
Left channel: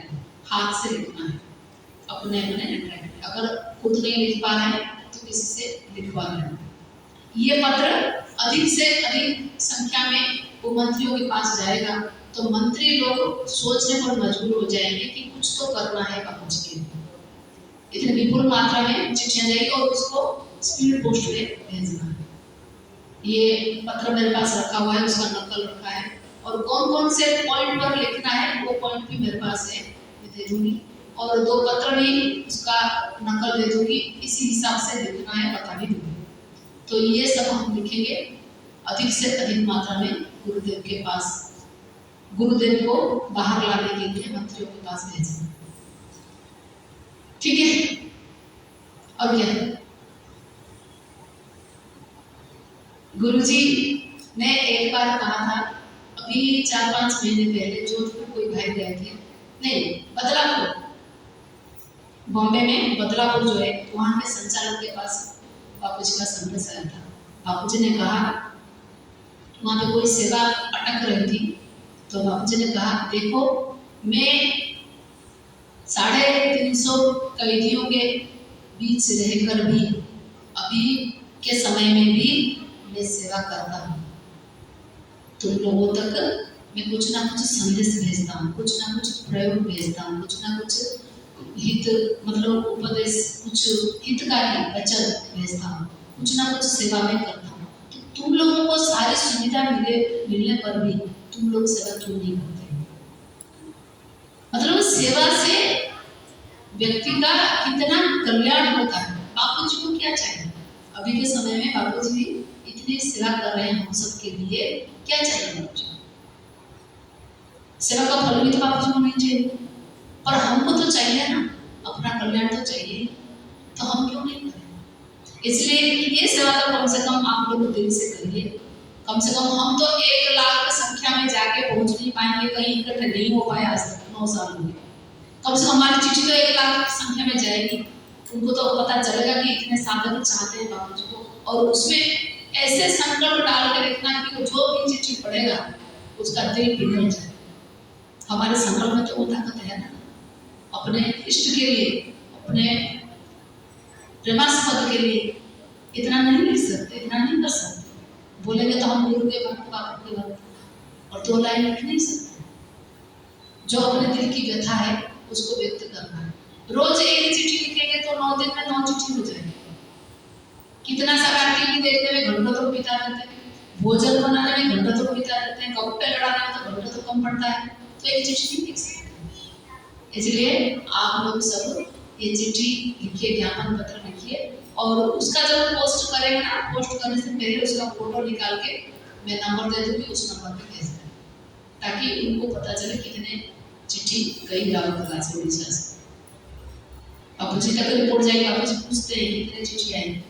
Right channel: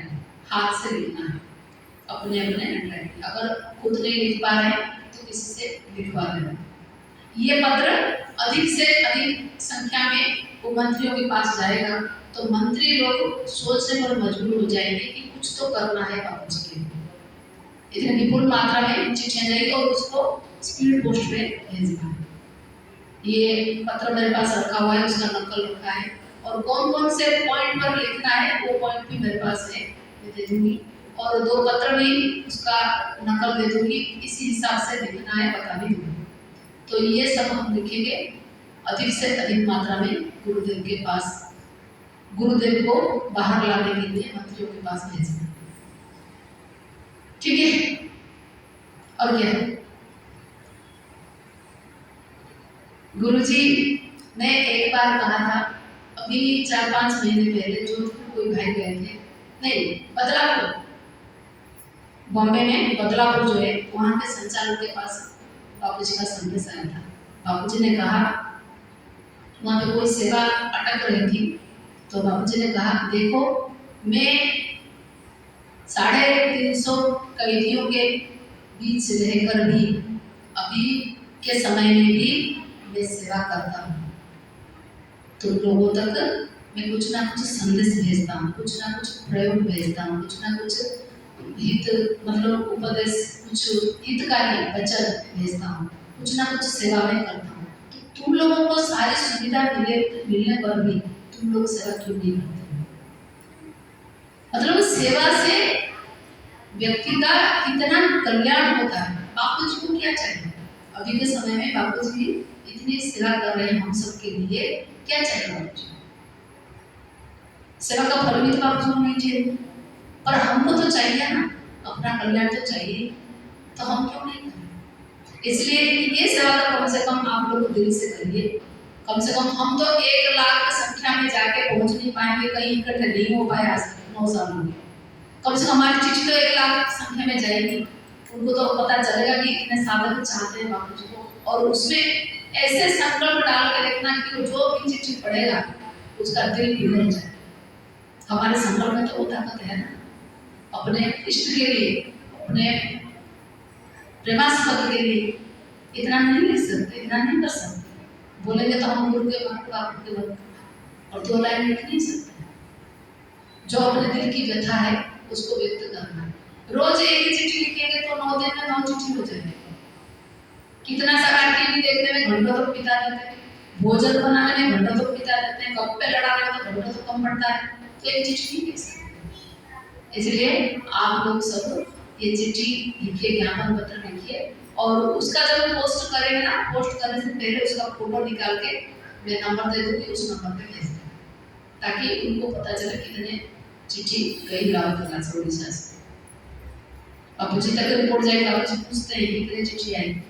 हाथ से लिखना है अपने अपने हैंडराइटिंग। अगर खुद नहीं लिख पा रहे हैं तो किसी से लिखवा लेना। ये पत्र अधिक से अधिक संख्या में वो मंत्रियों के पास जाएगा तो मंत्री लोग सोचने पर मजबूर हो जाएंगे कि कुछ तो करना है बापूजी के लिए। इतनी विपुल मात्रा में चिट्ठियां जाएगी और उसको स्पीड पोस्ट पे भेजना है। ये पत्र मेरे पास रखा हुआ है, उसका नकल रखा है और कौन कौन से पॉइंट पर लिखना है वो पॉइंट भी मेरे पास है, मैं दे दूंगी और 2 पत्र भी उसका नकल दे दूंगी, इसी हिसाब से लिखना है बता भी दूंगी। तो ये सब हम लिखेंगे अधिक से अधिक मात्रा में गुरुदेव के पास, गुरुदेव को बाहर लाने के लिए मंत्रियों के पास भेजना, ठीक है। और क्या गुरुजी ने एक बार कहा था, अभी 4-5 महीने पहले जोधपुर कोई भाई गए थे, नहीं बदलापुर, बॉम्बे में बदलापुर जो है वहाँ के संचालक के पास बापूजी का संदेश आया था। बापूजी ने कहा वहाँ पे कोई सेवा अटक रही थी, तो बापूजी ने कहा देखो मैं 350 कैदियों के बीच रहकर भी अभी के समय में भी मैं सेवा करता हूँ, तुम लोगों तक मैं कुछ ना कुछ संदेश भेजता हूँ, कुछ ना कुछ प्रयोग भेजता हूँ, कुछ ना कुछ हित मतलब उपदेश, कुछ हितकारी वचन भेजता हूँ, कुछ ना कुछ सेवा में करता हूँ। तो तुम लोगों को सारी सुविधा मिलने पर भी तुम लोग सेवा क्यों नहीं करते? मतलब सेवा से व्यक्ति का कितना कल्याण होता है। बापूजी को क्या चाहिए? अभी के समय में बापूजी इतनी सेवा कर रहे हैं हम सब के लिए, क्या चाहिए बापूजी? सेवा का फल भी तो बापूजी को नहीं चाहिए, पर हमको तो चाहिए ना, अपना कल्याण तो चाहिए, तो हम क्यों नहीं करें? इसलिए ये सेवा तो कम से कम आप लोग दिल से करिए। कम से कम हम तो 1 लाख की संख्या में जाके पहुंच नहीं पाएंगे, कहीं इकट्ठे नहीं हो पाए आज तक 9 साल में। कम से कम हमारी चिट्ठी तो 1 लाख की संख्या में जाएगी, उनको तो पता चलेगा कि इतने साधक चाहते हैं बापूजी को, और उसमें ऐसे संकल्प डाल के देखना कि जो भी चिट्ठी पढ़ेगा उसका दिल पिघल जाए। हमारे संकल्प में तो वो ताकत है ना, अपने इष्ट के लिए, अपने प्रेमास्पद के लिए इतना नहीं लिख सकते, इतना नहीं कर सकते। बोलेंगे तो हम गुरु के भक्त, बापू के भक्त, और 2 लाइन लिख नहीं सकते। जो अपने दिल की व्यथा है उसको व्यक्त करना है। रोज एक ही चिट्ठी लिखेंगे तो 9 दिन में 9 चिट्ठी हो जाएगी। कितना सारा टीवी देखने में घंटों तक बिता देते हैं, भोजन बनाने में घंटों तक बिता देते हैं, कपड़े लड़ाने में तो घंटों तक कम पड़ता है, तो एक चिट्ठी नहीं लिख सकते। इसलिए आप लोग सब ये चिट्ठी लिखिए, ज्ञापन पत्र लिखिए, और उसका जब पोस्ट करेंगे ना, पोस्ट करने से पहले उसका फोटो निकाल के मैं नंबर दे दूंगी, उस नंबर पे भेज दें, ताकि उनको पता चले कितने चिट्ठी गई गाँव कला से उड़ीसा से। बापूजी तक रिपोर्ट जाएगी, बापूजी पूछते हैं कितने चिट्ठी आई।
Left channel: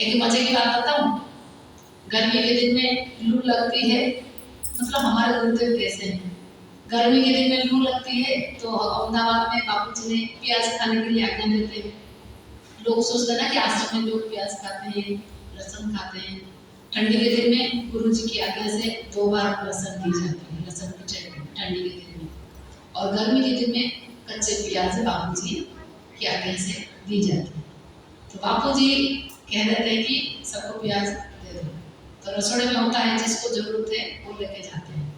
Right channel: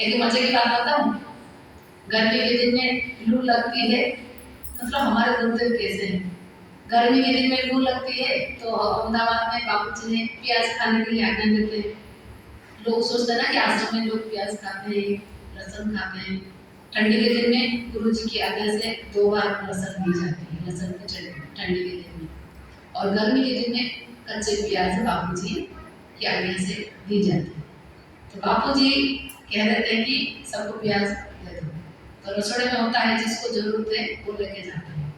एक मजे की बात बताऊं, गर्मी के दिन में लू लगती है, मतलब हमारे गुरुदेव कैसे हैं, गर्मी के दिन में लू लगती है तो अहमदाबाद में बापूजी ने प्याज खाने के लिए आज्ञा देते हैं। लोग सोचते हैं ना कि आश्रम में लोग प्याज खाते हैं, लहसुन खाते हैं। ठंडी के दिन में गुरुजी की आज्ञा से 2 बार लहसुन दी जाती है, लहसुन की चटनी ठंडी के दिन में, और गर्मी के दिन में कच्चे प्याज बापूजी की आज्ञा से दी जाती है। तो बापूजी कह देते हैं कि सबको प्याज दे दो, तो रसोड़े में होता है जिसको जरूरत है वो लेके जाते हैं।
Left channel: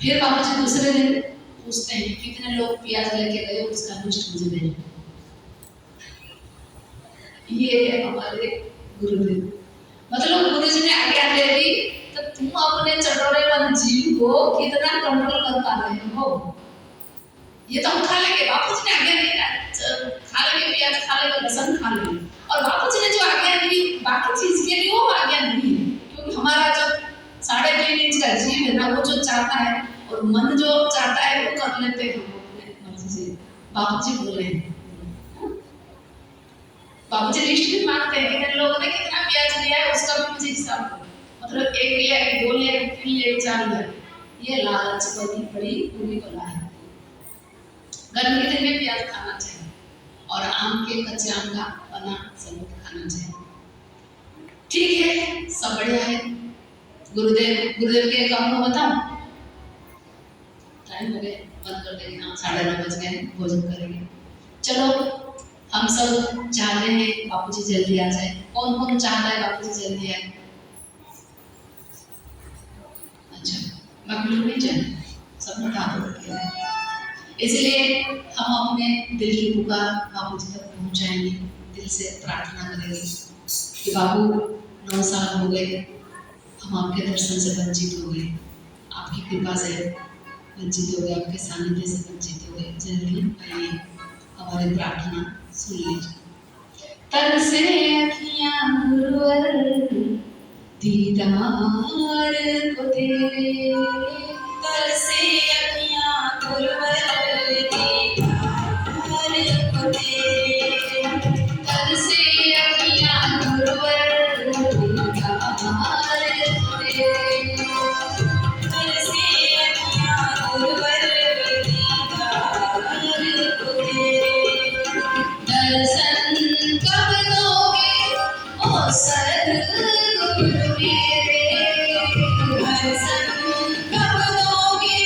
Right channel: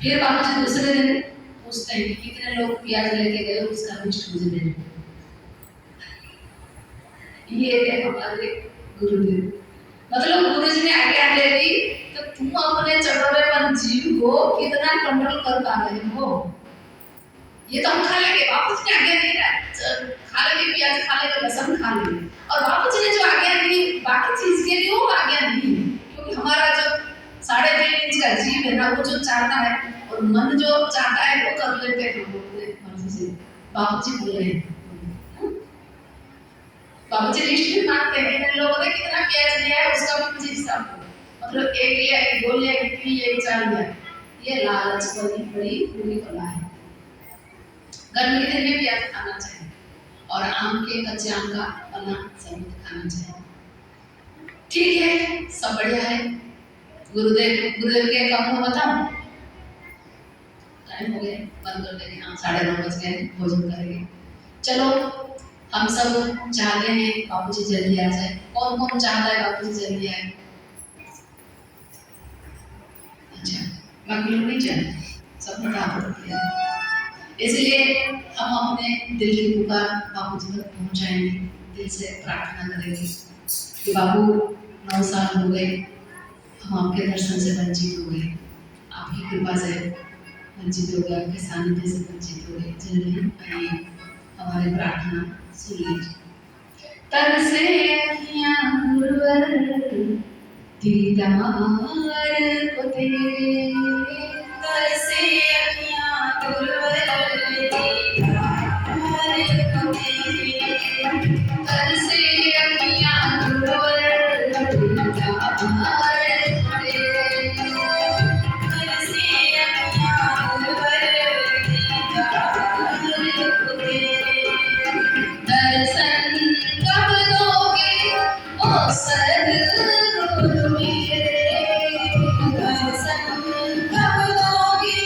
फिर बापूजी दूसरे दिन पूछते हैं कि कितने लोग प्याज लेके गए, उसका लिस्ट मुझे भेजो। ये है हमारे गुरुदेव। मतलब गुरु जी ने आज्ञा दे दी तो तुम अपने चटोरेपन जीव को कितना कंट्रोल कर पा रहे हो। ये तो हम खा लेंगे, बापू जी ने आज्ञा दी ना, खा लेंगे प्याज, खा लेंगे लहसुन, खा लेंगे। और बापू जी ने जो आज्ञा दी बाकी चीज के लिए वो आज्ञा नहीं है, क्योंकि हमारा जो 3.5 इंच का जीव है ना, वो जो चाहता है और मन जो चाहता है वो कर लेते हैं हम अपने मर्जी से। बापू जी बोले, बाबू जी लिस्ट भी मांगते हैं, इन लोगों ने कितना प्याज लिया है उसका भी मुझे हिसाब दो। मतलब 1 लिया, 2 लिया, 3 लिया, 4 लिया। ये लालच बड़ी बड़ी बुरी बला है। गर्मी के दिन में प्याज खाना चाहिए और आम के कच्चे आम का बना सबूत खाना चाहिए। ठीक है, सब बढ़िया है। गुरुदेव के काम को बताऊं? टाइम हो गया, बंद कर देंगे। हाँ, 9:30 बज गए, भोजन करेंगे। चलो, हम सब चाहते हैं बापूजी जल्दी आ जाए। कौन कौन चाहता है बापूजी जल्दी आए? अच्छा, बाकी लोग नहीं चाहते, सब बता दो। इसलिए हम अपने दिल की पुकार बापूजी तक पहुंचाएंगे, दिल से प्रार्थना करेंगे कि बाबू 9 साल हो गए, हम आपके दर्शन से वंचित हो गए, आपकी कृपा से वंचित हो गए, आपके सानिध्य से वंचित हो गए। जल्दी आइए, हमारी प्रार्थना सुन लीजिए। तन से अखियां गुरुवर दीदार को तेरे, तन से अखियां गुरुवर दीदार को तेरे, तन से अखियां गुरुवर दीदार को तेरे, तन से अखियां गुरुवर दीदार को तेरे। दर्शन कब दोगे ओ सद्गुरु मेरे, दर्शन कब दोगे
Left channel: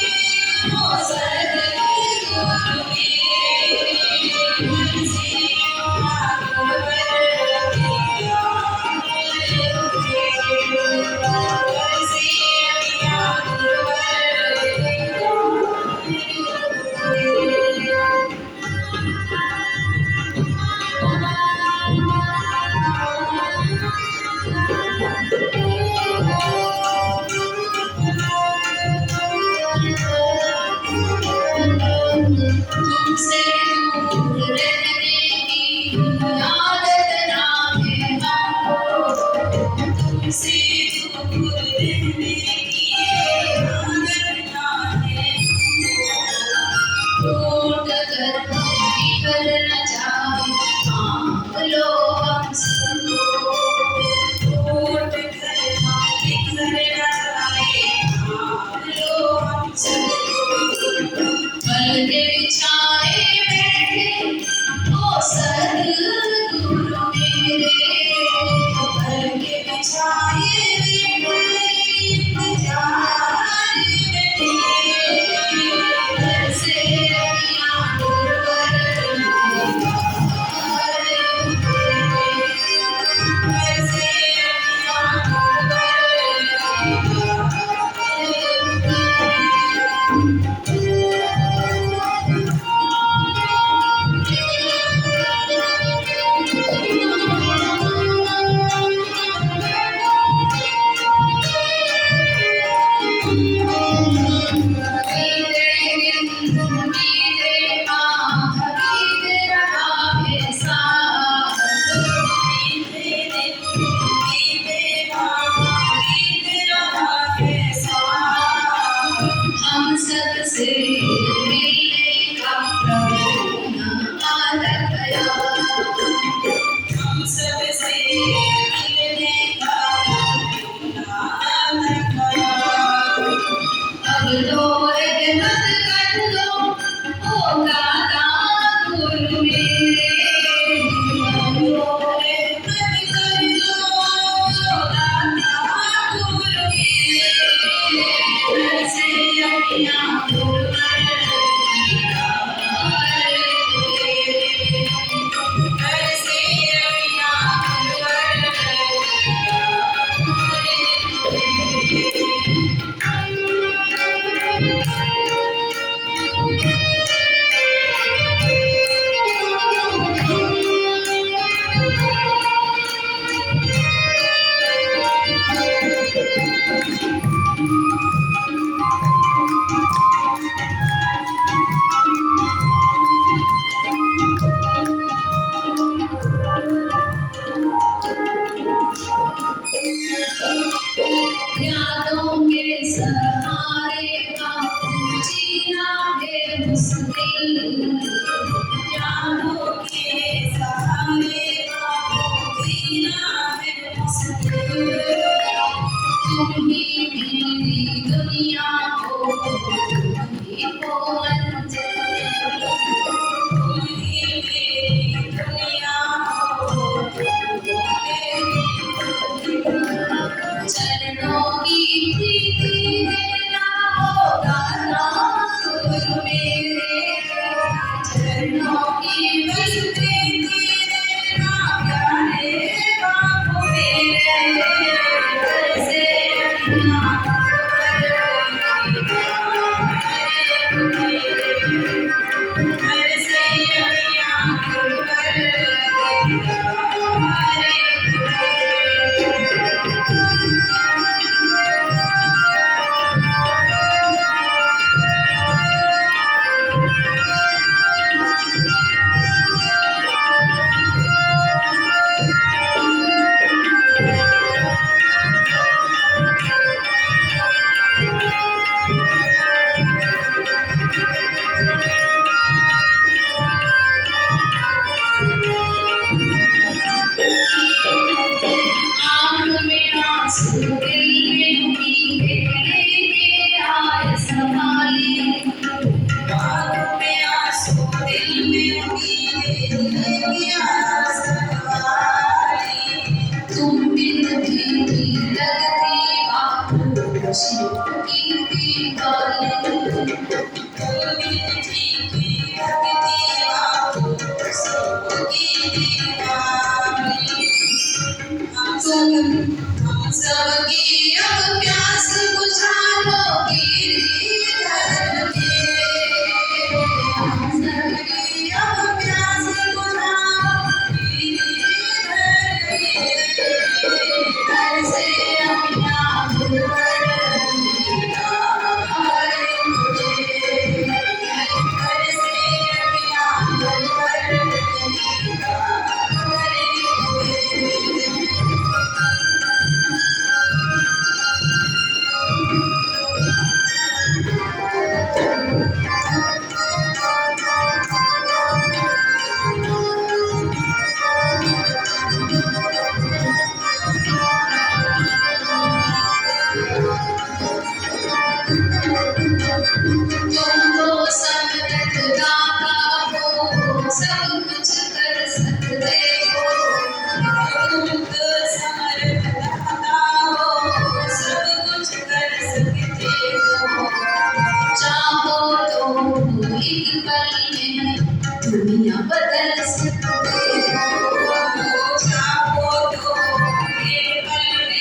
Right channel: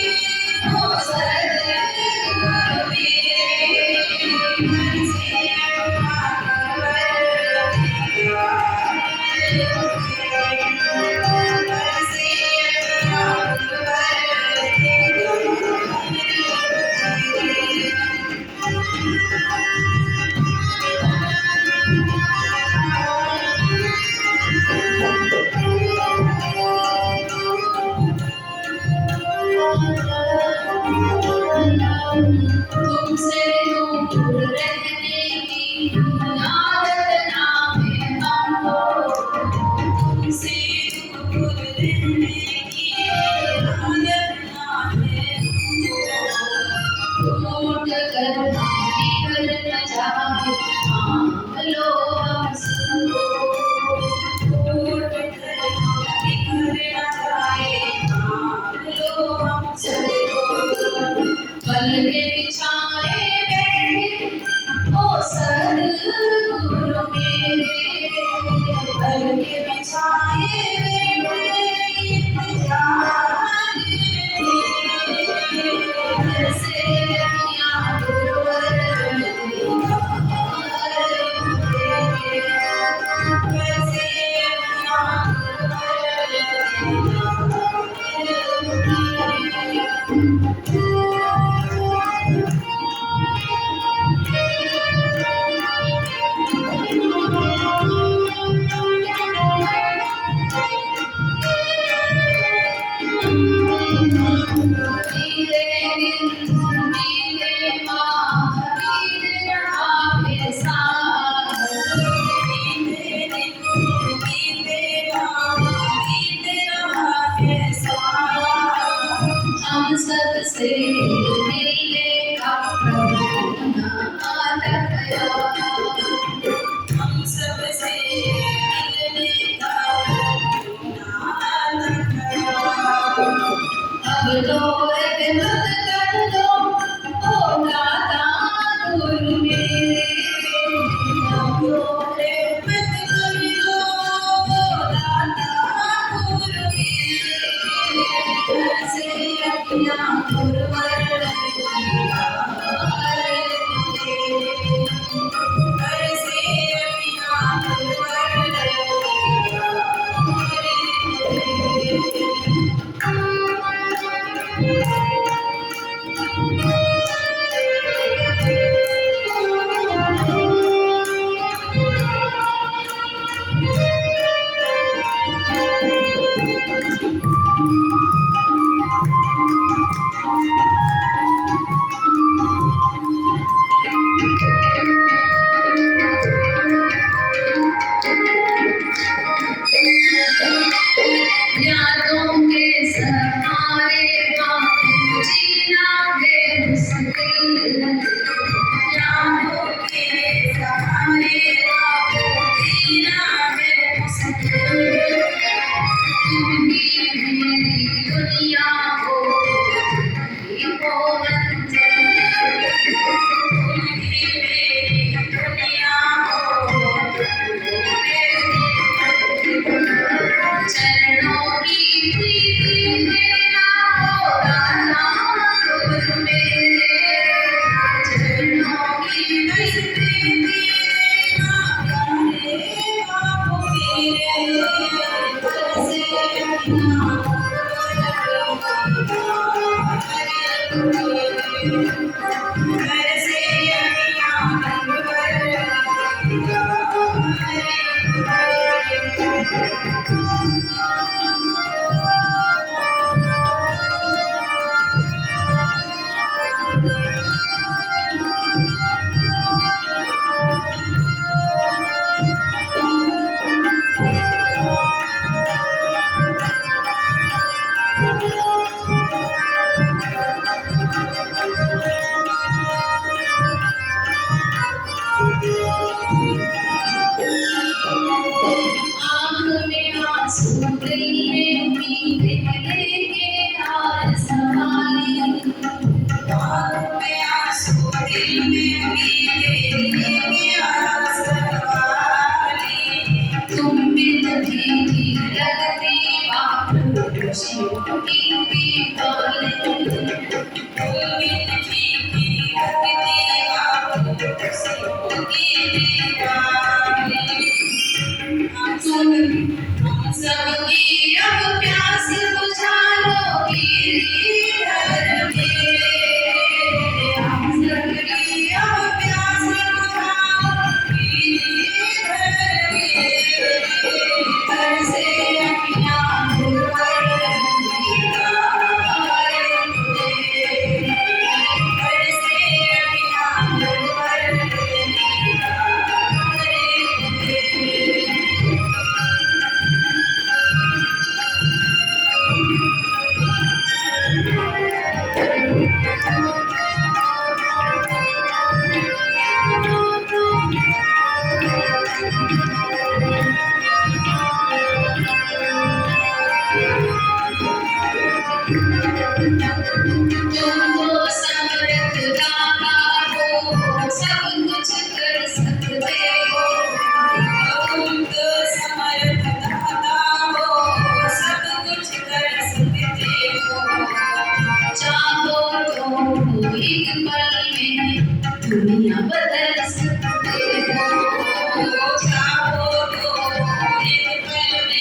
सबकी